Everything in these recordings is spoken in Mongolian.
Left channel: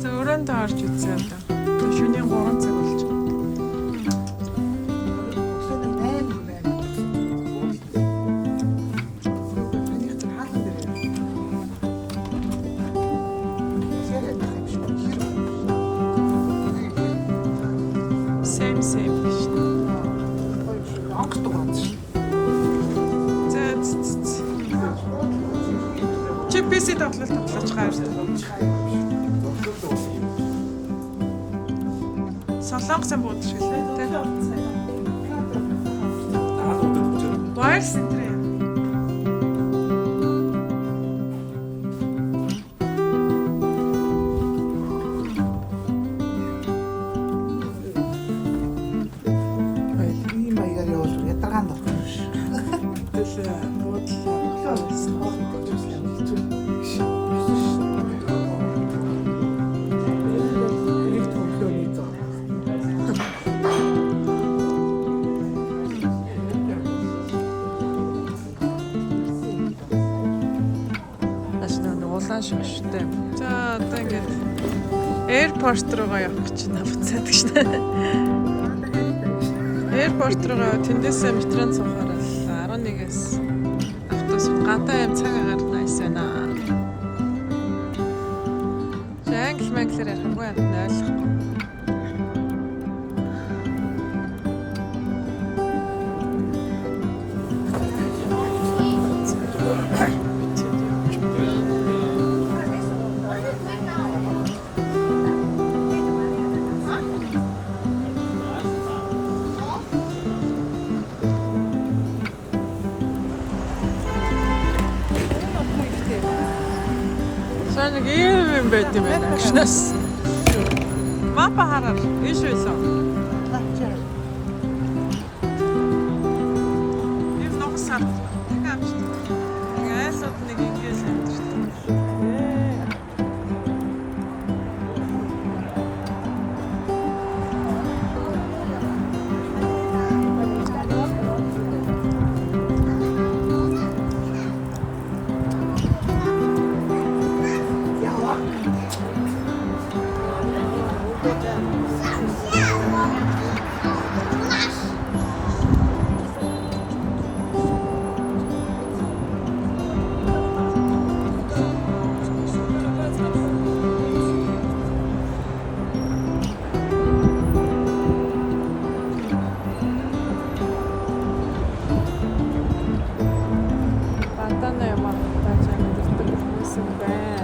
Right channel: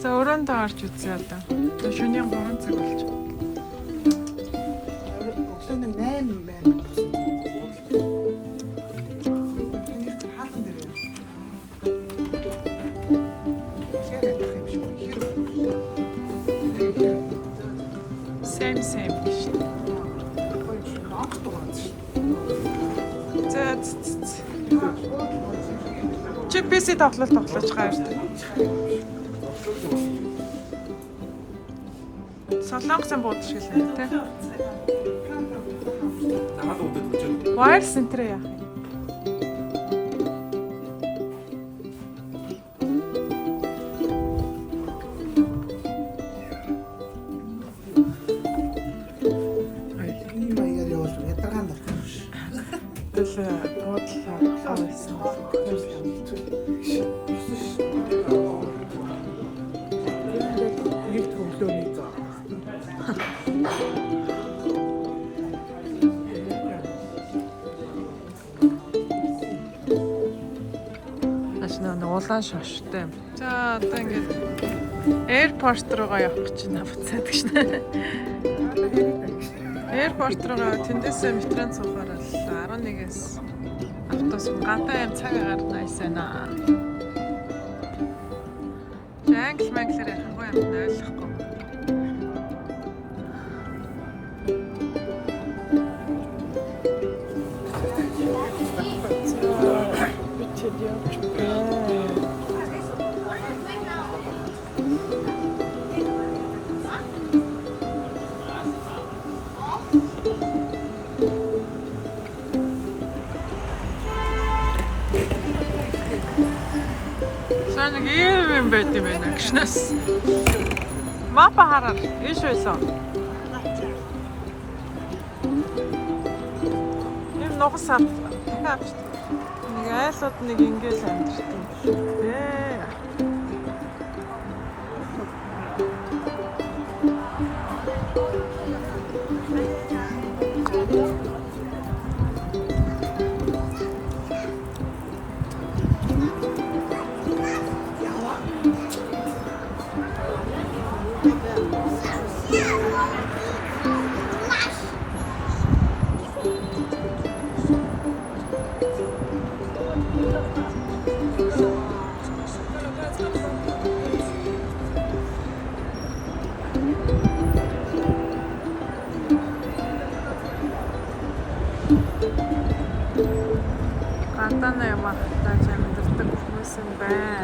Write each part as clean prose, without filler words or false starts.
За өрөөндөө орж үзье одоо. Шөнийн 3 цаг болж байна. Same. Чи PC тоглож гайж. Солонгосын бууд шиг л тий. Wire center яа. Улаан шоштой. За одоо ингээд аэропорт руугаа явах гэж байна буцаад гэж нэ. Аэропорт руугаа тэндээсээ метронд суухаар л 11-ээс автобус гадаа юм цаг агаар найс байна. Англи манглаар хамгүй юм ойлгохгүй. Нэг юм байт юм байна гişнэс. Мапа хараад ийш байсан. Ийм ногсаар дахиад авчихсан. Нэг айлууд нэг ингээл амьдэрдэг юм шиг. Гадаана юм ахтай чамддаг хүмүүс юм байна.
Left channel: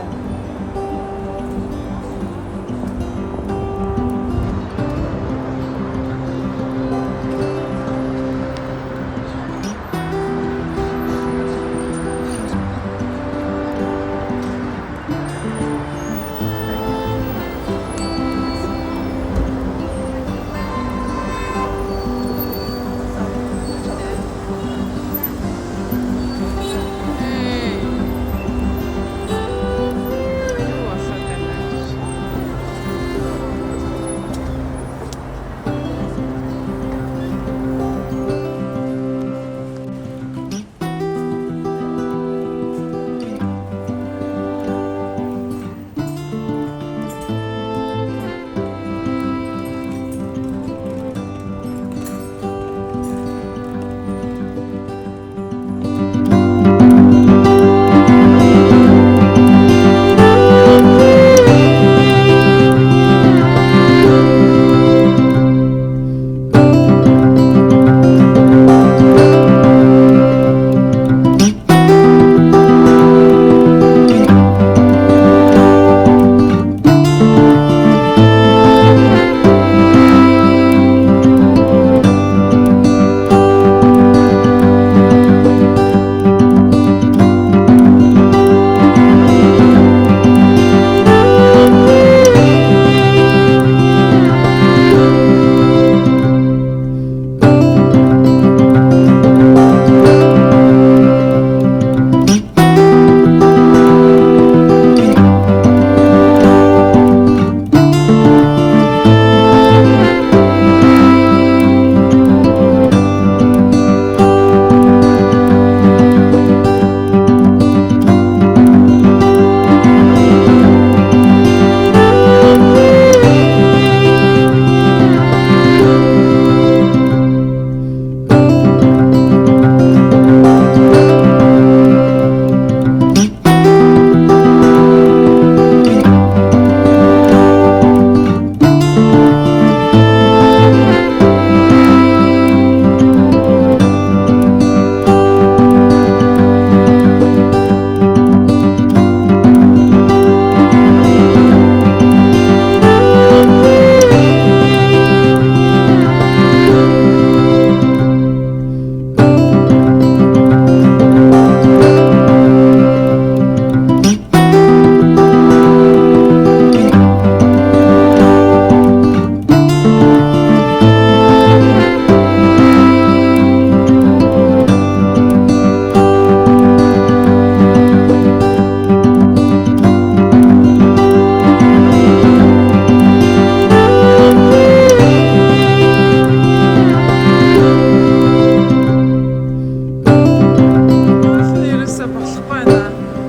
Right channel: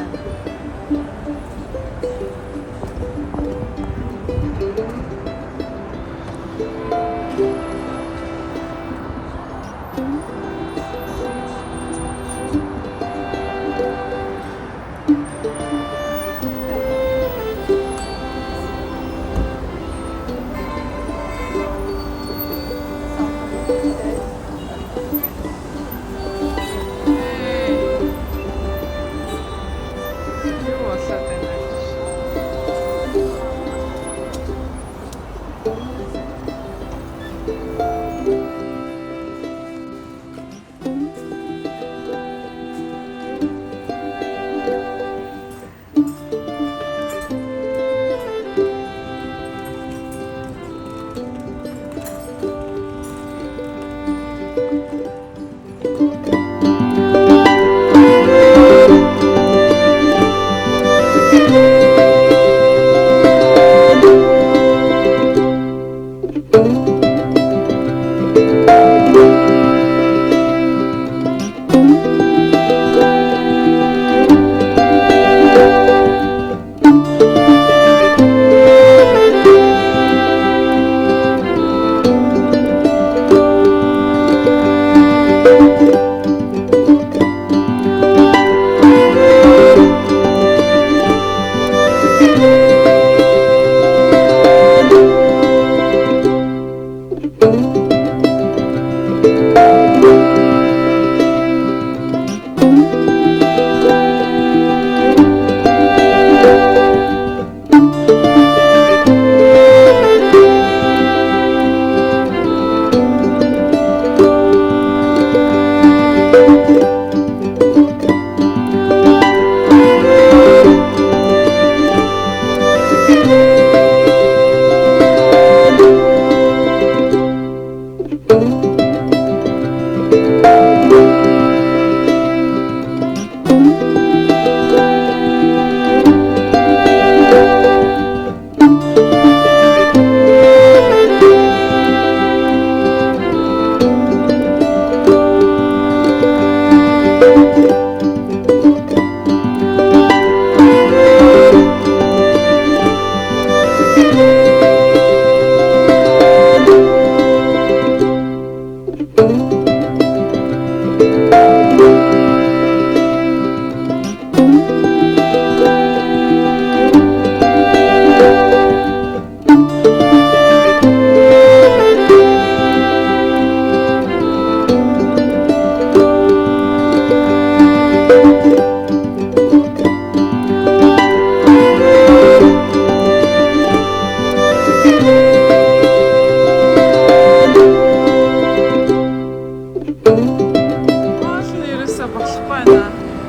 ерөөсөө болохгүй байна.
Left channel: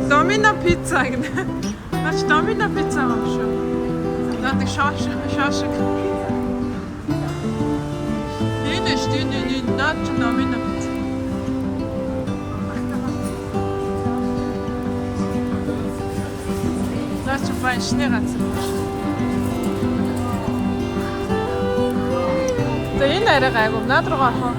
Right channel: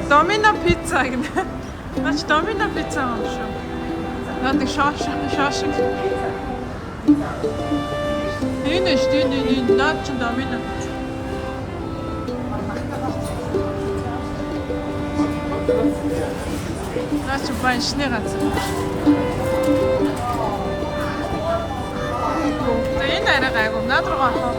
Домино пицца гэнэ. Наач домино пицца юм шүү. Наад шош. Энэ наач домино пицца. Наач баншны газар. За энэ арай гайгүй. Наад руу гарах.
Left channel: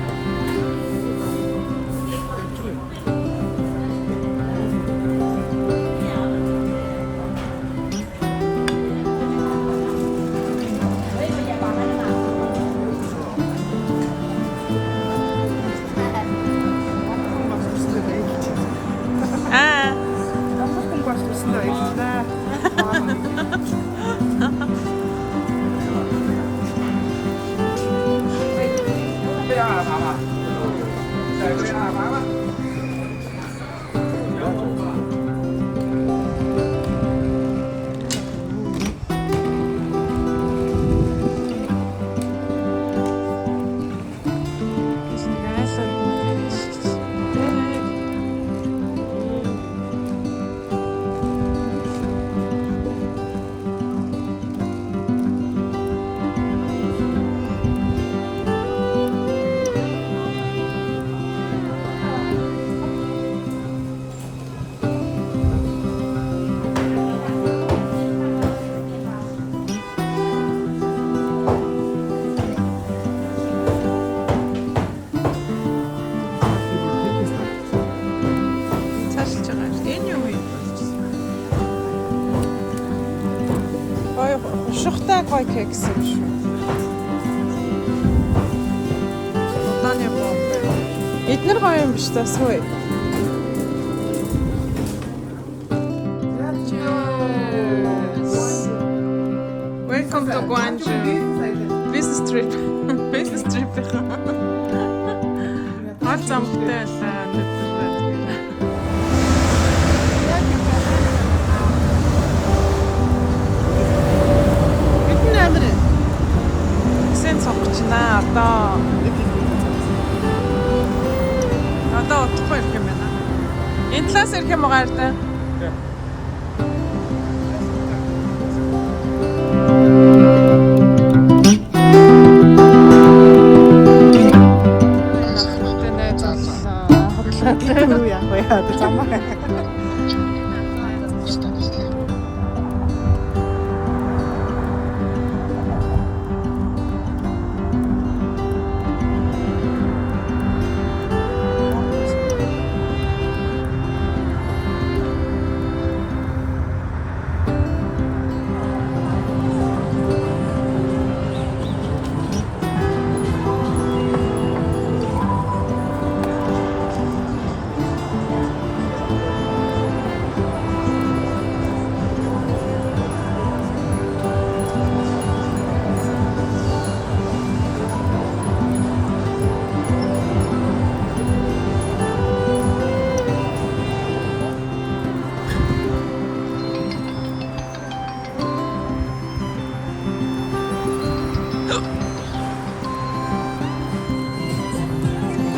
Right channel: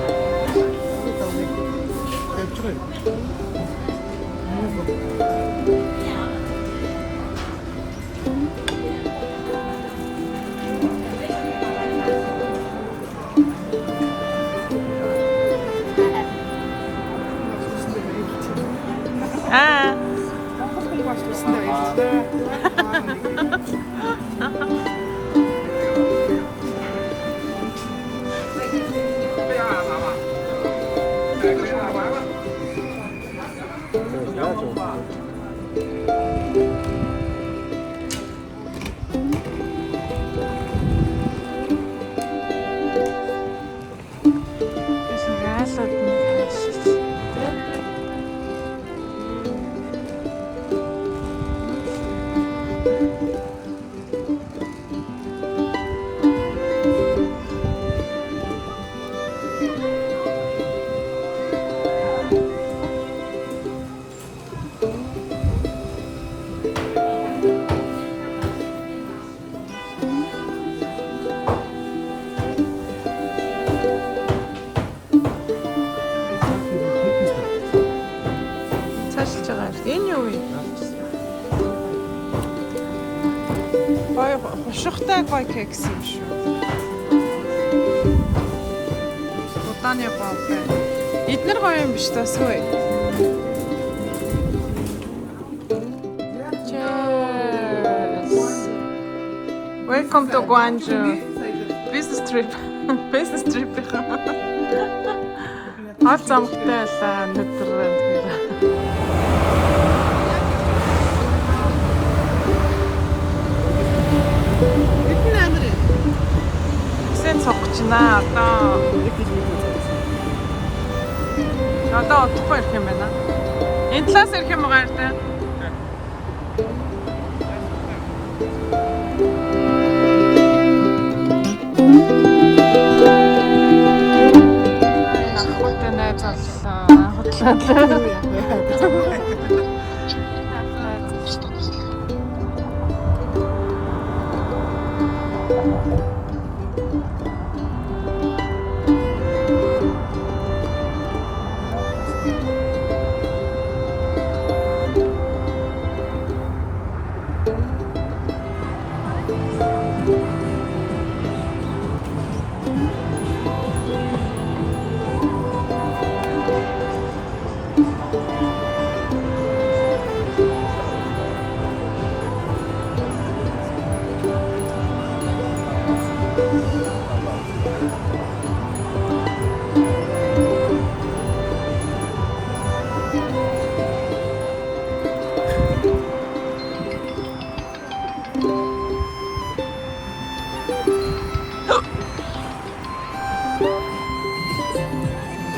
Шухтай гоё кекс юм шүү. Удааний боо. Эднэр гоё юм биш тасгүй. Welcome to Gwangju. Business trip. Business trip. Хол замтай байлаа өнөөдөр. Сэн цогчнаа одоо утахгүй ирэх юм байна. Энэ талаас ирэх юм уу гайртай? Ахмадтай найз боллоо. Хотлоо яах вэ?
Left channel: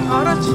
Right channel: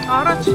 Araç.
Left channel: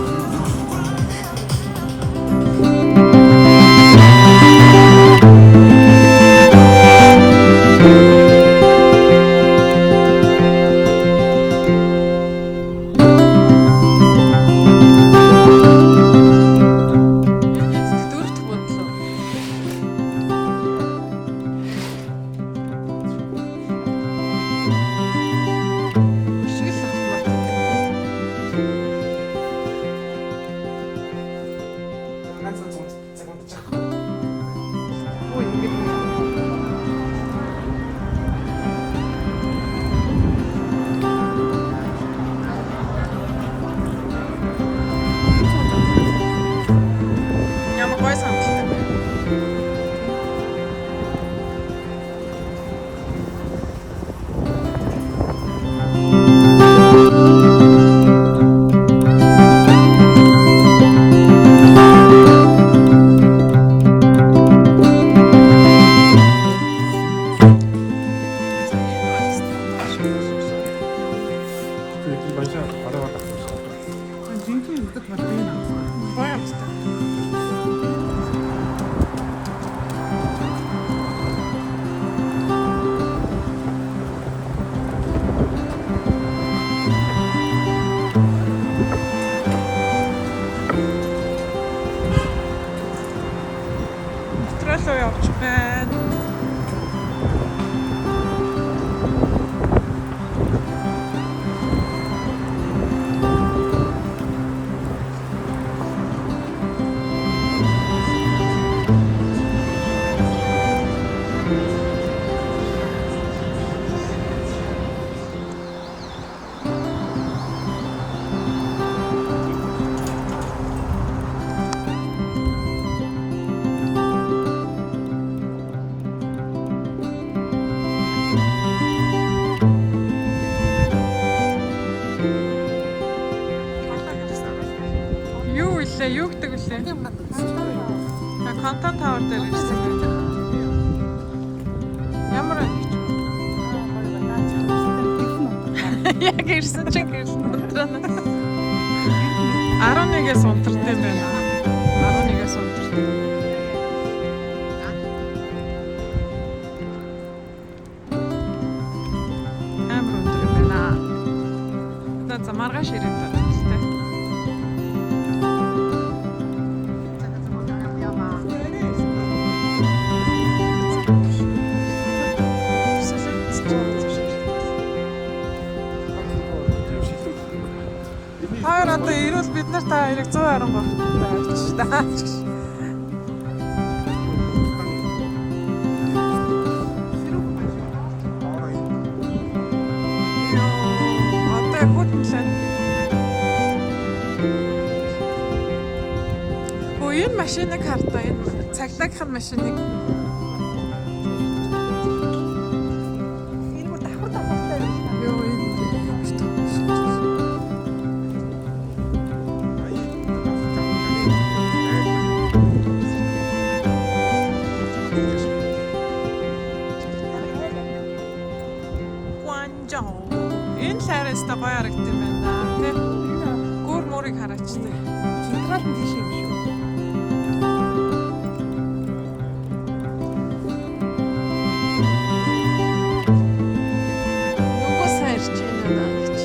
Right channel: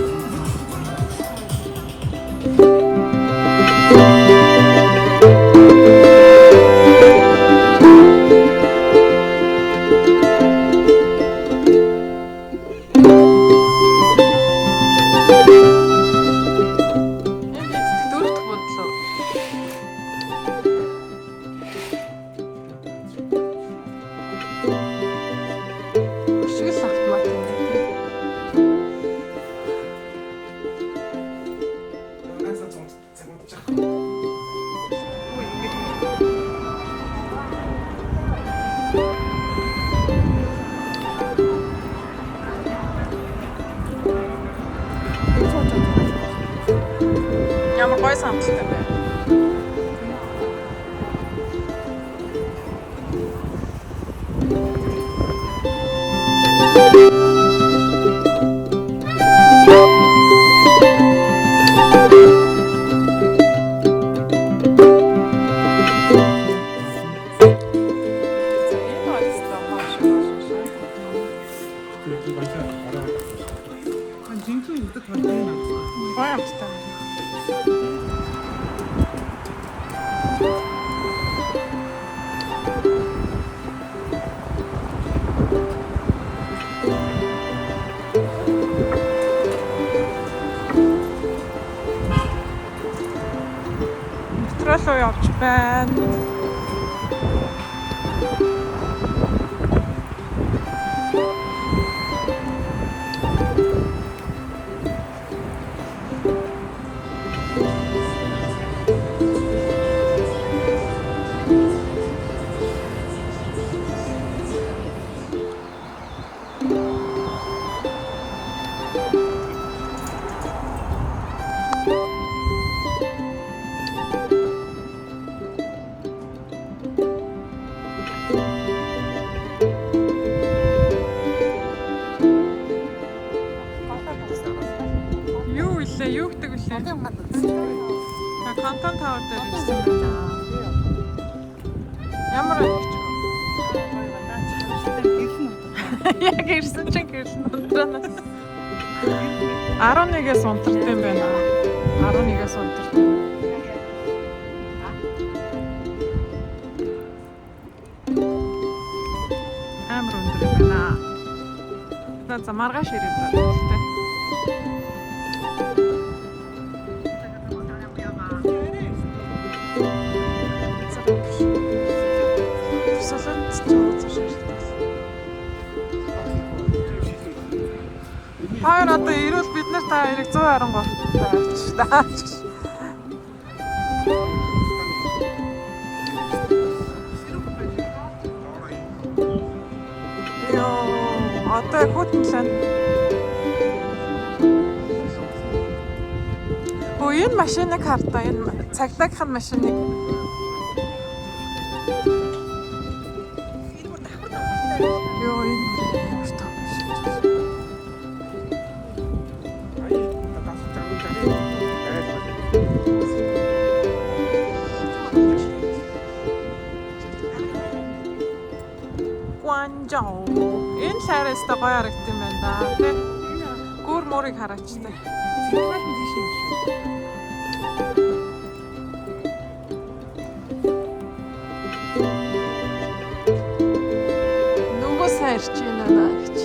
Ямар гой самттай байна. Жинхэнэ үлдэх бол тийм аа. метро руу явж байна. Юу гэдэг вүлээ? Контент тавар дээр ирсэн байна. Ямар нэг ч яг ирсэн чинь гэрэл унтранаас 11-ээс унтартай байна. 11-ээс унтартай. Амар өндөр байна. За маргааш ирээд байна л дээ. Хоёр одоо ирвэл бид нар та хоёрыг 120 байцлаа. Йоо, одоо хөтлөн. Өө энэ машиныг хартаа энэ цагдаагийнх нь машиныг. Йоо энэ Гуанчжоу. Энэ шаараас та гоё харагдсан юм байна. Тэ. Гүр морыг хараач тэ. Тэгвэл тийш юм шүү. Нөгөө сайрч байна наач.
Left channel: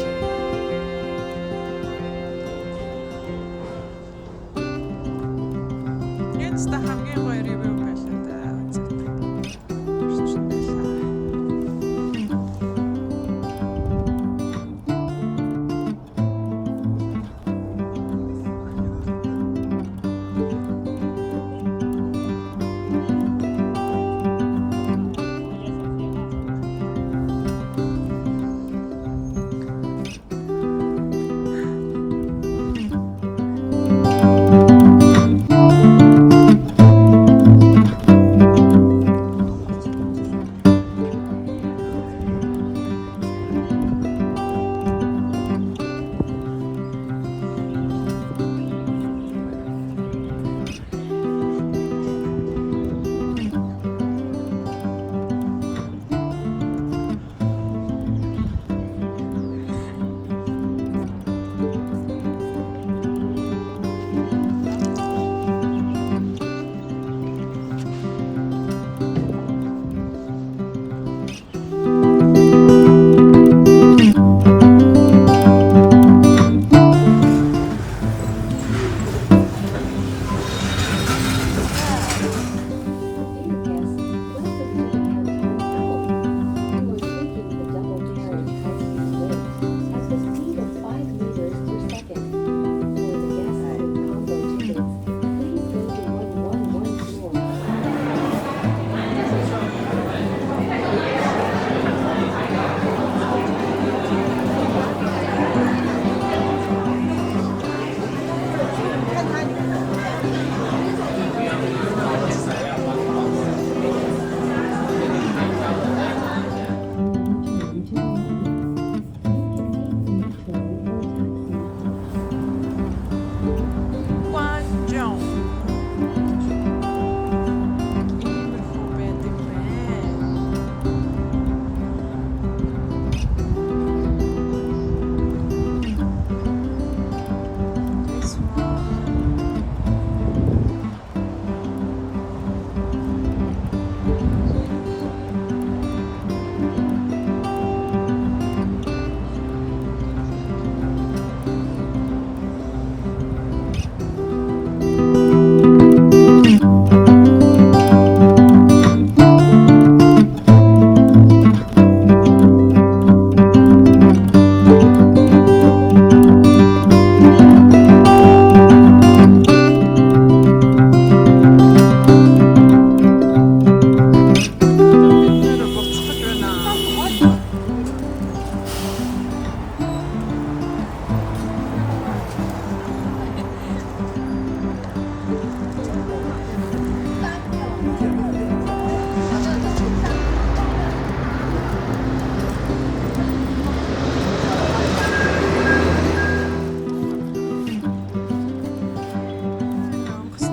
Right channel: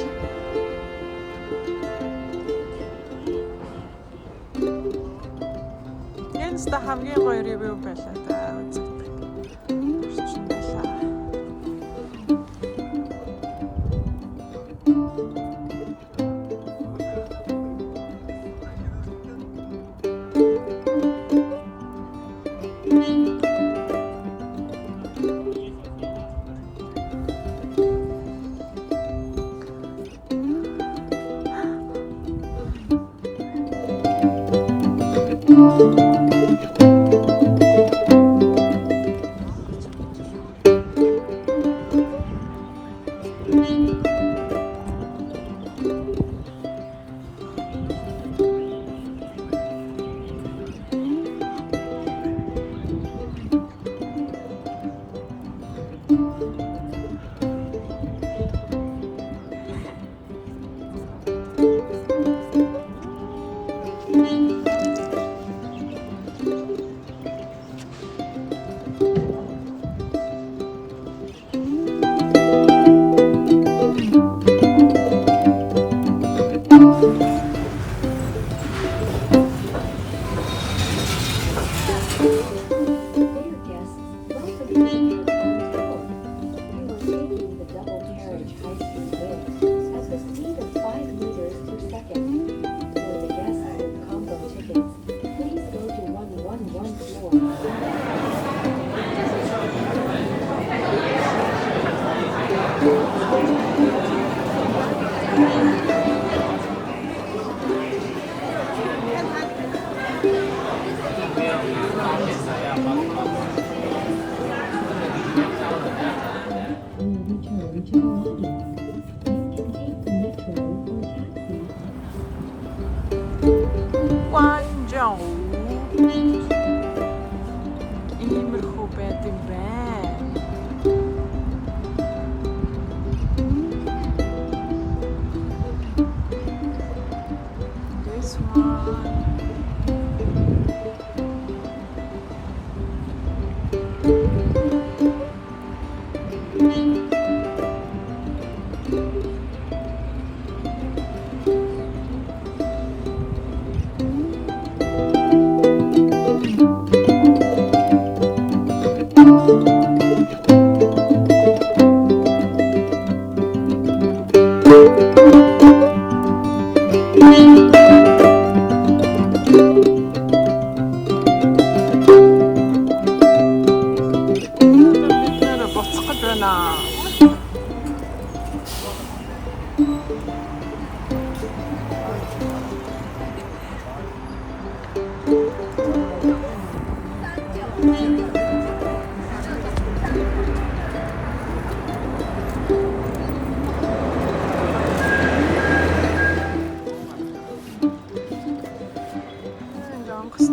Энэ ста хамгийн гоё ревю байлаа да. Онгоцны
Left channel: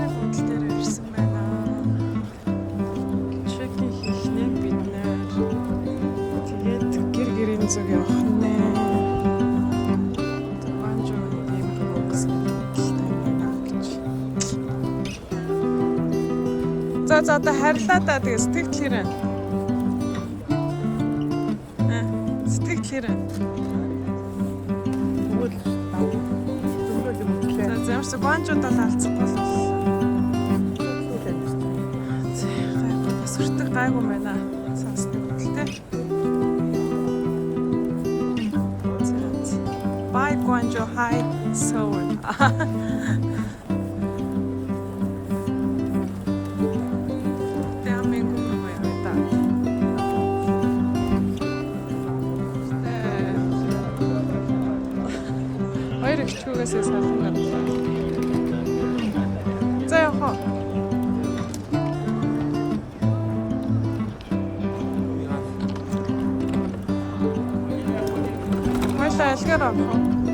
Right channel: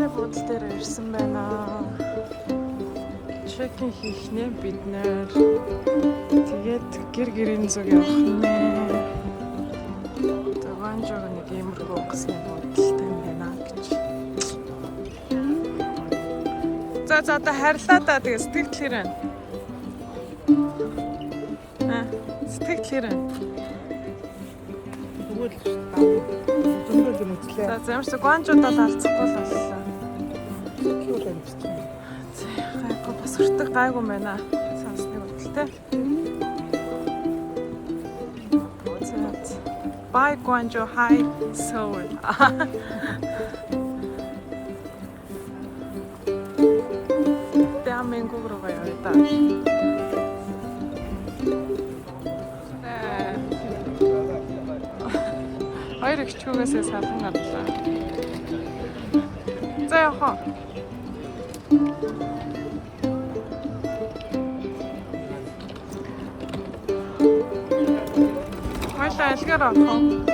буудлын дээр ирсэн байна. Чекин хийх нэ бид нэ. Тэгээд гэр-гэрийн зүг явах нэ. Таванжоны иймэрхүү онгоцны буудлын байна гэж. За одоо харьлаа да тэгээ сэтгэлээрээ. Сэтгэлээрээ. За ямарч гонжуудад алцахгүй л боллоо. Гайгүй бас хөртөг гайгүй байна. Сансны хөдөлтэй. Bye Guangzhou, hi Seoul. 대한민국으로 가야겠다. Хоёрыг чүүгээсээ салхан гадлаа. За яхаа. Хоёлаа алгаар авах.